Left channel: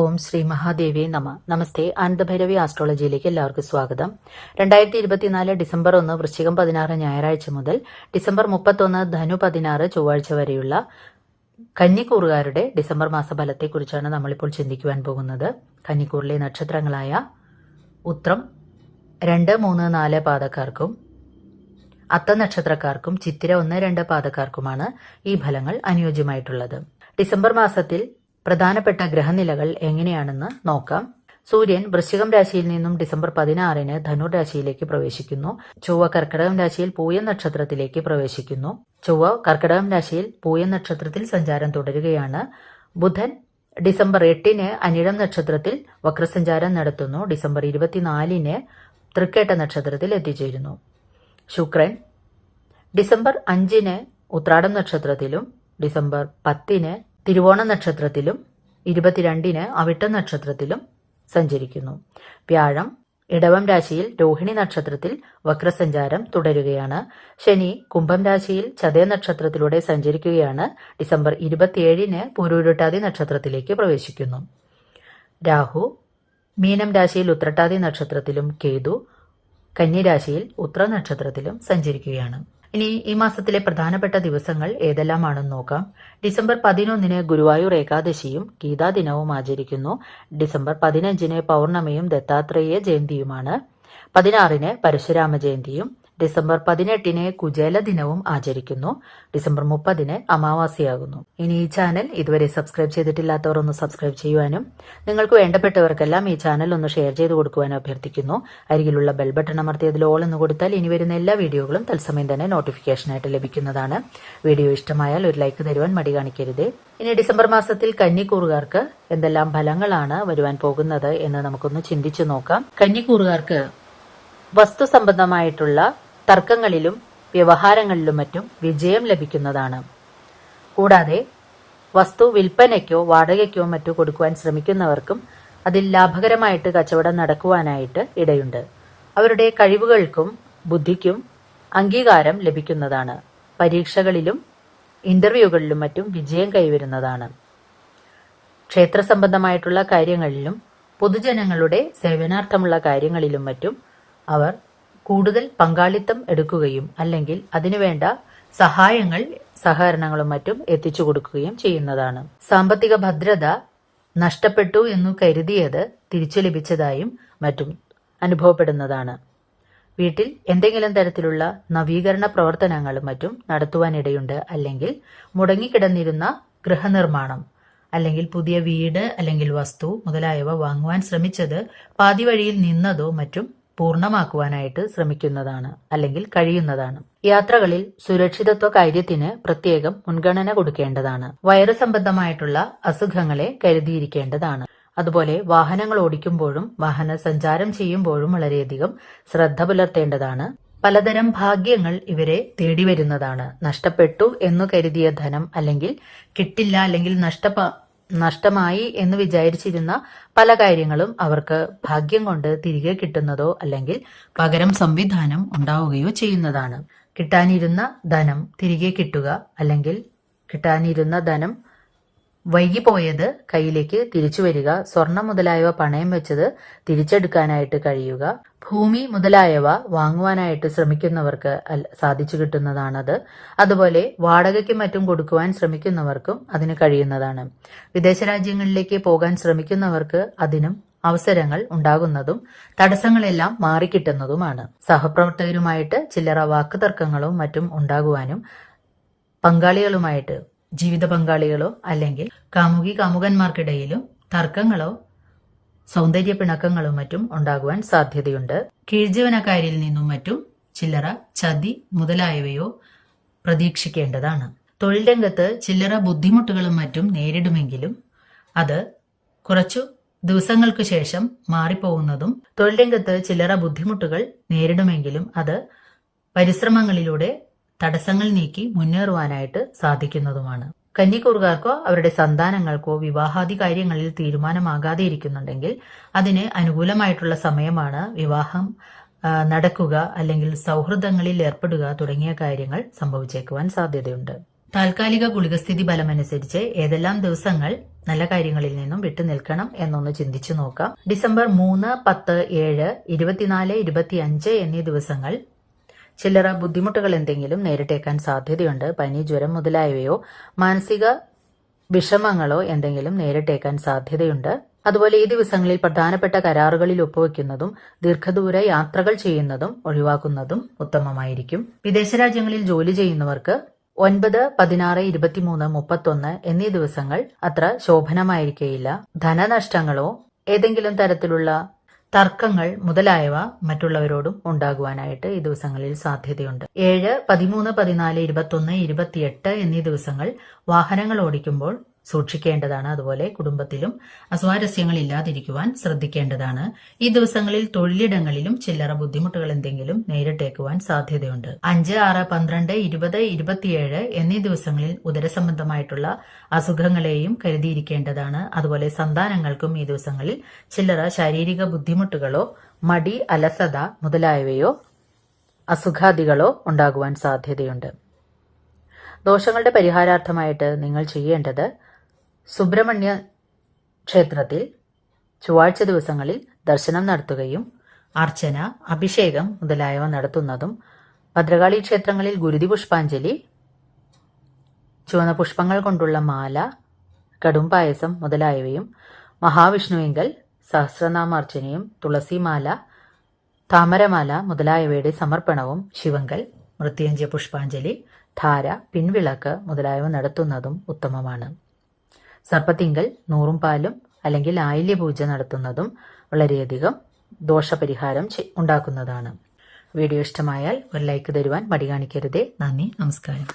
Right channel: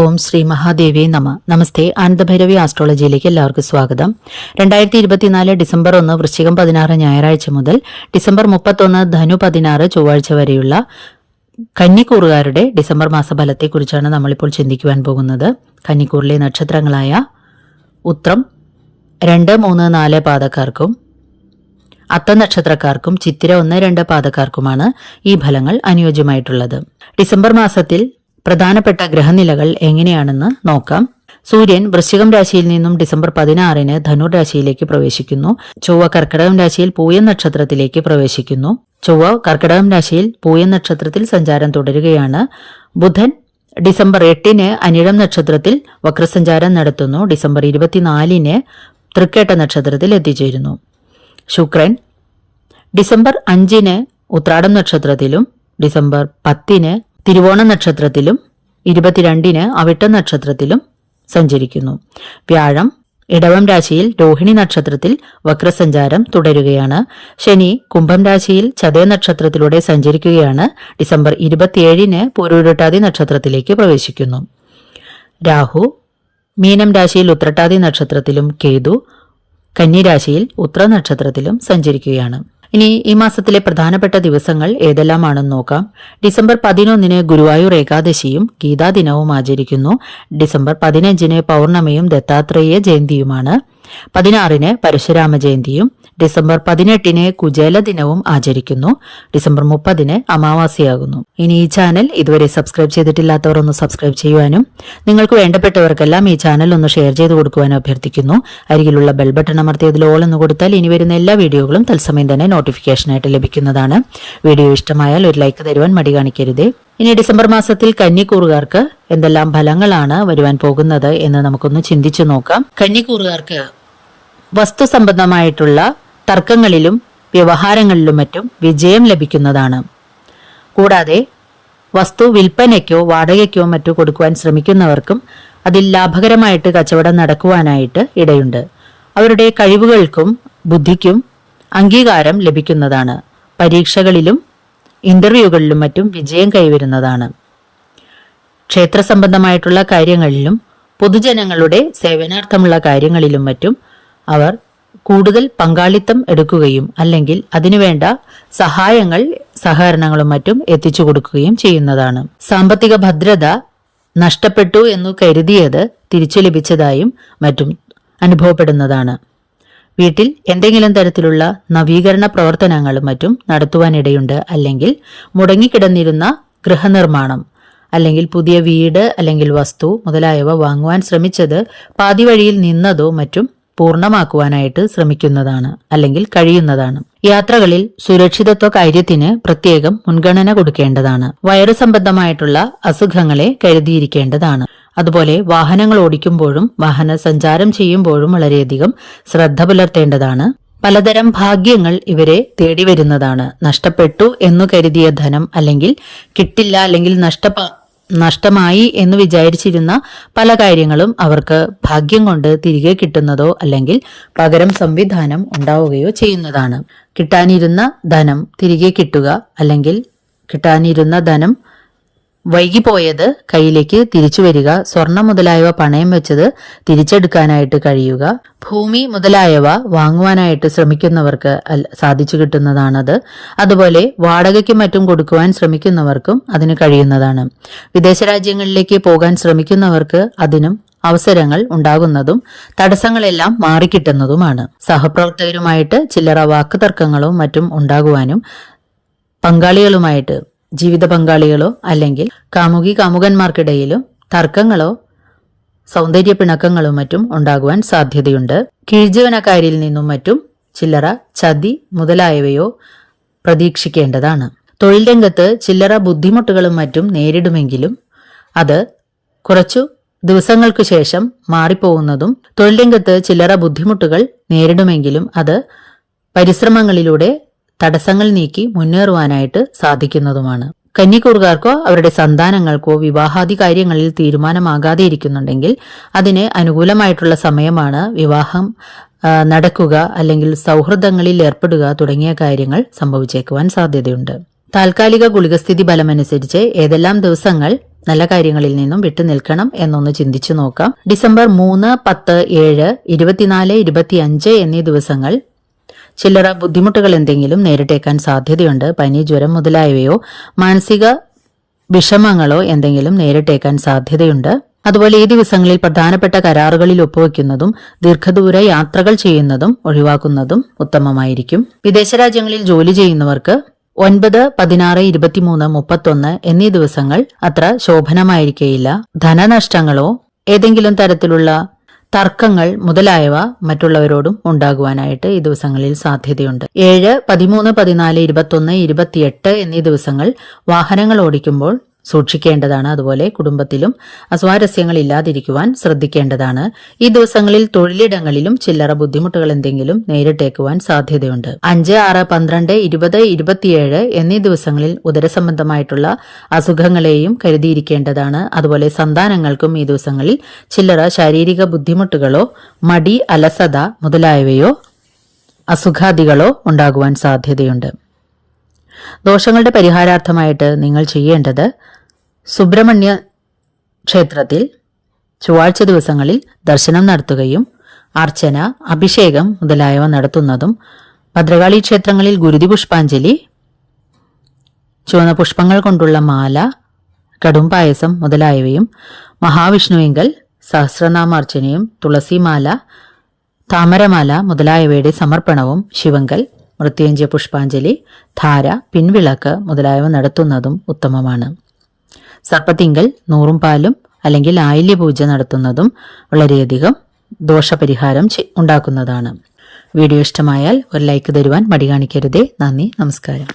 ഓം ശ്രീ മഹാദേവി നമ. നമസ്തേ ആനന്ദഭൈരവി ആസ്ട്രോളജിയിലേക്ക് എല്ലാവർക്കും സ്വാഗതം. രണ്ടായിരത്തി ഇരുപത്തിനാല് ഡിസംബർ ഒന്ന് വൃശ്ചികം പതിനാറ് ഞായറാഴ്ച മുതൽ ഡിസംബർ മുപ്പത്തൊന്ന് ധനു പതിനാറ് ചൊവ്വാഴ്ച വരെയുള്ള കന്നിക്കൂറുകാരുടെ ഡിസംബർ മാസഫലത്തെക്കുറിച്ചാണ് നമ്മളിപ്പോൾ ചിന്തിക്കുവാൻ പോകുന്നത്. കന്നിക്കൂറിലെ നക്ഷത്രങ്ങളായ ഉത്രം രണ്ട് മൂന്ന് നാല് പാതക്കാർക്കും അത്ത നക്ഷത്രക്കാർക്കും ചിത്തിര ഒന്ന് രണ്ട് പാതക്കാർക്കുമാണ് ഈ ഫലങ്ങൾ അനുയോജ്യമായിട്ടുള്ളത്. ഡിസംബർ മാസത്തിൽ പ്രധാനപ്പെട്ട ഗ്രഹനിലകൾ എങ്ങനെയാണെന്ന് നോക്കാം. സൂര്യൻ വൃശ്ചികം രാശിയിൽ നിന്നും ഡിസംബർ പതിനാറിന് ധനുർ രാശിയിലേക്ക് പ്രവേശിക്കുന്നു. ചൊവ്വ കർക്കിടകം രാശിയിൽ പൂയം നക്ഷത്രത്തിലേക്ക് പ്രവേശിക്കുന്നു. ചൊവ്വ കർക്കിടകം രാശിയിൽ പൂയം നക്ഷത്രത്തിൽ സഞ്ചാരം തുടരുകയാണ്. ബുധൻ ഡിസംബർ എട്ടിന് അനിഴം നക്ഷത്രത്തിൽ വക്രസഞ്ചാരം നടത്തുന്നു. ഡിസംബർ ഇരുപത്തിനാലിന് തൃക്കേട്ട നക്ഷത്രത്തിൽ എത്തിച്ചേരുന്നു. ശുക്രൻ ഡിസംബർ അഞ്ചിന് ഉത്രാടം നക്ഷത്രത്തിലും ഡിസംബർ പത്തിന് തിരുവോണ നക്ഷത്രത്തിലും ഇരുപത്തിരണ്ടിന് അവിട്ട നക്ഷത്രത്തിലും സഞ്ചരിക്കുന്നു. വ്യാഴം ഇടവം രാശിയിൽ രോഹിണി നക്ഷത്രത്തിൽ വക്രസഞ്ചാരം തുടരുകയാണ്. ശനി കുംഭം രാശിയിൽ ചതയ നക്ഷത്രത്തിലൂടെ സഞ്ചരിക്കുകയാണ്. ഡിസംബർ ഇരുപത്തിയേഴിന് പൂരുരുട്ടാതി നക്ഷത്രത്തിലേക്ക് പ്രവേശിക്കുന്നു. രാഹു മീനം രാശിയിൽ ഉത്രട്ടാതി നക്ഷത്രത്തിലും കേതു കന്നിരാശിയിൽ ഉത്ര നക്ഷത്രത്തിലും സഞ്ചരിക്കുകയാണ്. ഇനി ഈ മാസത്തിലെ പ്രധാനപ്പെട്ട ദിവസങ്ങൾ ഏതെല്ലാമാണെന്ന് നോക്കാം. ഡിസംബർ പതിനൊന്നിന് ഗുരുവായൂർ ഏകാദശിയും ഗീതാദിനവും ആചരിക്കുന്നു. ഡിസംബർ പതിനഞ്ചിന് പൗർണമിയും ദത്താത്രേയ ജയന്തിയുമാണ്. പതിനാറിന് പരശുരാമ ജയന്തിയും ഡിസംബർ പതിനെട്ടിന് കുചേല ദിനവും ആചരിക്കുന്നു. ഡിസംബർ മുപ്പതിന് അമാവാസിയാകുന്നു. ഇനി ഈ ചാനൽ ഇതുവരെ സബ്സ്ക്രൈബ് ചെയ്തിട്ടില്ലാത്തവർ ഒന്ന് സബ്സ്ക്രൈബ് ചെയ്യുവാനും നിങ്ങൾക്ക് വേണ്ടപ്പെട്ടവർക്കെല്ലാം ഈ ചാനൽ ഒന്ന് ഷെയർ ചെയ്ത് കൊടുക്കുവാനും അഭ്യർത്ഥിക്കുന്നു. അരികിലുള്ള ബെൽ ബട്ടൺ അമർത്തിയതിൽ ഓൾ എന്ന് കൊടുത്താൽ ഇനി വരുന്ന എല്ലാ വീഡിയോകളും തത്സമയം തന്നെ നോട്ടിഫിക്കേഷനായിട്ട് ലഭിക്കുന്നതാണ്. വീഡിയോ ഇഷ്ടമായാൽ ഒരു ലൈക്ക് തരുവാൻ മടി കാണിക്കരുത്. ഇനി ഡിസംബർ മാസത്തിൽ കന്നിക്കൂറുകാർക്ക് എന്തെല്ലാം ഫലങ്ങളാണ് വരുവാൻ പോകുന്നത് എന്ന് നമുക്കൊന്ന് ചിന്തിച്ചു നോക്കാം. കന്നിക്കൂറുകാർക്ക് വസ്തു സംബന്ധമായിട്ടുള്ള തർക്കങ്ങളിലും വ്യവഹാരങ്ങളിലും മറ്റും വിജയം ലഭിക്കുന്നതാണ്. കൂടാതെ വസ്തു വിൽപ്പനയ്ക്കോ വാടകയ്ക്കോ മറ്റോ കൊടുക്കുവാൻ ശ്രമിക്കുന്നവർക്കും അതിൽ ലാഭകരമായിട്ട് കച്ചവടം നടക്കുവാനായിട്ട് ഇടയുണ്ട്. അവരുടെ കഴിവുകൾക്കും ബുദ്ധിക്കും അംഗീകാരം ലഭിക്കുന്നതാണ്. പരീക്ഷകളിലും ഇന്റർവ്യൂകളിലും മറ്റും വിജയം കൈവരുന്നതാണ്. ക്ഷേത്ര സംബന്ധമായിട്ടുള്ള കാര്യങ്ങളിലും പൊതുജനങ്ങളുടെ സേവനാർത്ഥമുള്ള കാര്യങ്ങളിലും മറ്റും അവർ കൂടുതൽ പങ്കാളിത്തം എടുക്കുകയും അല്ലെങ്കിൽ അതിനുവേണ്ട സഹായങ്ങൾ സഹകരണങ്ങളും മറ്റും എത്തിച്ചു കൊടുക്കുകയും ചെയ്യുന്നതാണ്. സാമ്പത്തിക ഭദ്രത നഷ്ടപ്പെട്ടു എന്ന് കരുതിയത് തിരിച്ചു ലഭിച്ചതായും മറ്റും അനുഭവപ്പെടുന്നതാണ്. വീട്ടിൽ എന്തെങ്കിലും തരത്തിലുള്ള നവീകരണ പ്രവർത്തനങ്ങളും മറ്റും നടത്തുവാനിടയുണ്ട് അല്ലെങ്കിൽ മുടങ്ങിക്കിടന്നിരുന്ന ഗൃഹനിർമ്മാണം അല്ലെങ്കിൽ പുതിയ വീട് അല്ലെങ്കിൽ വസ്തു മുതലായവ വാങ്ങുവാൻ ശ്രമിച്ചത് പാതിവഴിയിൽ നിന്നതോ മറ്റും പൂർണമാക്കുവാനായിട്ട് ശ്രമിക്കുന്നതാണ് അല്ലെങ്കിൽ കഴിയുന്നതാണ്. യാത്രകളിൽ സുരക്ഷിതത്വ കാര്യത്തിന് പ്രത്യേകം മുൻഗണന കൊടുക്കേണ്ടതാണ്. വൈറസ് സംബന്ധമായിട്ടുള്ള അസുഖങ്ങളെ കരുതിയിരിക്കേണ്ടതാണ്. അതുപോലെ വാഹനങ്ങൾ ഓടിക്കുമ്പോഴും വാഹന സഞ്ചാരം ചെയ്യുമ്പോഴും വളരെയധികം ശ്രദ്ധ പുലർത്തേണ്ടതാണ്. പലതരം ഭാഗ്യങ്ങൾ ഇവരെ തേടി വരുന്നതാണ് നഷ്ടപ്പെട്ടു എന്നു കരുതിയ ധനം അല്ലെങ്കിൽ കിട്ടില്ല അല്ലെങ്കിൽ നഷ്ടപ്പ നഷ്ടമായി എന്ന് വിചാരിച്ചിരുന്ന പല കാര്യങ്ങളും അവർക്ക് ഭാഗ്യം കൊണ്ട് തിരികെ കിട്ടുന്നതോ അല്ലെങ്കിൽ പകരം സംവിധാനം ഉണ്ടാവുകയോ ചെയ്യുന്നതാണ്. കിട്ടാനിരുന്ന ധനം തിരികെ കിട്ടുക അല്ലെങ്കിൽ കിട്ടാനിരുന്ന ധനം വൈകിപ്പോയത് കയ്യിലേക്ക് തിരിച്ചു വരിക സ്വർണം മുതലായവ പണയം വെച്ചത് തിരിച്ചെടുക്കാനായിട്ട് കഴിയുക ഭൂമി മുതലായവ വാങ്ങുവാനായിട്ട് ശ്രമിക്കുന്നവർക്ക് സാധിച്ചു കിട്ടുന്നതാണത്. അതുപോലെ വാടകയ്ക്കും മറ്റും കൊടുക്കുവാൻ ശ്രമിക്കുന്നവർക്കും അതിന് കഴിയുന്നതാണ്. വിദേശ രാജ്യങ്ങളിലേക്ക് പോകാൻ ശ്രമിക്കുന്നവർക്ക് അതിനും അവസരങ്ങൾ ഉണ്ടാകുന്നതും തടസ്സങ്ങളെല്ലാം മാറിക്കിട്ടുന്നതുമാണ്. സഹപ്രവർത്തകരുമായിട്ട് ചില്ലറ വാക്കുതർക്കങ്ങളും മറ്റും ഉണ്ടാകുവാനും പങ്കാളികളുമായിട്ട് ജീവിത പങ്കാളികളോ അല്ലെങ്കിൽ കാമുകി കാമുകന്മാർക്കിടയിലും തർക്കങ്ങളോ സൗന്ദര്യ പിണക്കങ്ങളും മറ്റും ഉണ്ടാകുവാൻ സാധ്യതയുണ്ട്. കീഴ്ജീവനക്കാരിൽ നിന്നും മറ്റും ചില്ലറ ചതി മുതലായവയോ പ്രതീക്ഷിക്കേണ്ടതാണ്. തൊഴിൽ രംഗത്ത് ചില്ലറ ബുദ്ധിമുട്ടുകളും മറ്റും നേരിടുമെങ്കിലും അത് കുറച്ചു ദിവസങ്ങൾക്കു ശേഷം മാറിപ്പോകുന്നതും തൊഴിൽ രംഗത്ത് ചില്ലറ ബുദ്ധിമുട്ടുകൾ നേരിടുമെങ്കിലും അത് പരിശ്രമങ്ങളിലൂടെ തടസ്സങ്ങൾ നീക്കി മുന്നേറുവാനായിട്ട് സാധിക്കുന്നതുമാണ്. കന്നിക്കൂറുകാർക്കോ അവരുടെ സന്താനങ്ങൾക്കോ വിവാഹാദി കാര്യങ്ങളിൽ തീരുമാനമാകാതെ ഇരിക്കുന്നുണ്ടെങ്കിൽ അതിന് അനുകൂലമായിട്ടുള്ള സമയമാണ് വിവാഹം നടക്കുക അല്ലെങ്കിൽ സൗഹൃദങ്ങളിൽ ഏർപ്പെടുക തുടങ്ങിയ കാര്യങ്ങൾ സംഭവിച്ചേക്കുവാൻ സാധ്യതയുണ്ട്. താൽക്കാലിക ഗുളികസ്ഥിതി ബലമനുസരിച്ച് ഏതെല്ലാം ദിവസങ്ങൾ നല്ല കാര്യങ്ങളിൽ നിന്നും വിട്ടുനിൽക്കണം എന്നൊന്ന് ചിന്തിച്ചു നോക്കാം. ഡിസംബർ മൂന്ന് പത്ത് ഏഴ് ഇരുപത്തിനാല് ഇരുപത്തിയഞ്ച് എന്നീ ദിവസങ്ങൾ ചില്ലറ ബുദ്ധിമുട്ടുകൾ എന്തെങ്കിലും നേരിട്ടേക്കാൻ സാധ്യതയുണ്ട്. പനി ജ്വരം മുതലായവയോ മാനസിക വിഷമങ്ങളോ എന്തെങ്കിലും നേരിട്ടേക്കാൻ സാധ്യതയുണ്ട്. അതുപോലെ ഈ ദിവസങ്ങളിൽ പ്രധാനപ്പെട്ട കരാറുകളിൽ ഒപ്പുവെക്കുന്നതും ദീർഘദൂര യാത്രകൾ ചെയ്യുന്നതും ഒഴിവാക്കുന്നതും ഉത്തമമായിരിക്കും. വിദേശ രാജ്യങ്ങളിൽ ജോലി ചെയ്യുന്നവർക്ക് ഒൻപത് പതിനാറ് ഇരുപത്തിമൂന്ന് മുപ്പത്തൊന്ന് എന്നീ ദിവസങ്ങൾ അത്ര ശോഭനമായിരിക്കേയില്ല. ധനനഷ്ടങ്ങളോ ഏതെങ്കിലും തരത്തിലുള്ള തർക്കങ്ങൾ മുതലായവ മറ്റുള്ളവരോടും ഉണ്ടാകുവാനായിട്ട് ഈ ദിവസങ്ങളിൽ സാധ്യതയുണ്ട്. ഏഴ് പതിമൂന്ന് പതിനാല് ഇരുപത്തൊന്ന് ഇരുപത്തിയെട്ട് എന്നീ ദിവസങ്ങൾ വാഹനങ്ങൾ ഓടിക്കുമ്പോൾ സൂക്ഷിക്കേണ്ടതാണ്. അതുപോലെ കുടുംബത്തിലും അസ്വാരസ്യങ്ങൾ ഇല്ലാതിരിക്കുവാൻ ശ്രദ്ധിക്കേണ്ടതാണ്. ഈ ദിവസങ്ങളിൽ തൊഴിലിടങ്ങളിലും ചില്ലറ ബുദ്ധിമുട്ടുകൾ എന്തെങ്കിലും നേരിട്ടേക്കുവാൻ സാധ്യതയുണ്ട്. അഞ്ച് ആറ് പന്ത്രണ്ട് ഇരുപത് ഇരുപത്തിയേഴ് എന്നീ ദിവസങ്ങളിൽ ഉദരസംബന്ധമായിട്ടുള്ള അസുഖങ്ങളെയും കരുതിയിരിക്കേണ്ടതാണ്. അതുപോലെ സന്താനങ്ങൾക്കും ഈ ദിവസങ്ങളിൽ ചില്ലറ ശാരീരിക ബുദ്ധിമുട്ടുകളോ മടി അലസത മുതലായവയോ അസുഖാദികളോ ഉണ്ടാകുവാൻ സാധ്യതയുണ്ട്. ദോഷങ്ങളുടെ പരിഹാരാർത്ഥമായിട്ട് നിങ്ങൾ ചെയ്യേണ്ടത് സുബ്രഹ്മണ്യ ക്ഷേത്രത്തിൽ ചൊവ്വാഴ്ച ദിവസങ്ങളിൽ ദർശനം നടത്തുകയും അർച്ചന അഭിഷേകം മുതലായവ നടത്തുന്നതും ഭദ്രകാളി ക്ഷേത്രങ്ങളിൽ ഗുരുതി പുഷ്പാഞ്ജലി ചുവന്ന പുഷ്പങ്ങൾ കൊണ്ടുള്ള മാല കടും പായസം മുതലായവയും മഹാവിഷ്ണുവിങ്കൽ സഹസ്രനാമാർച്ചനയും തുളസിമാല താമരമാല മുതലായവയുടെ സമർപ്പണവും ശിവങ്കൽ മൃത്യുഞ്ജയ പുഷ്പാഞ്ജലി ധാര പിൻവിളക്ക് മുതലായവ നടത്തുന്നതും ഉത്തമമാണ്. സർപ്പത്തിങ്കൽ നൂറും പാലും അല്ലെങ്കിൽ ആയില്യ പൂജ നടത്തുന്നതും വളരെയധികം ദോഷപരിഹാരം ഉണ്ടാക്കുന്നതാണ്. വീഡിയോ ഇഷ്ടമായാൽ ഒരു ലൈക്ക് തരുവാൻ മടി കാണിക്കരുതേ. നന്ദി നമസ്കാരം.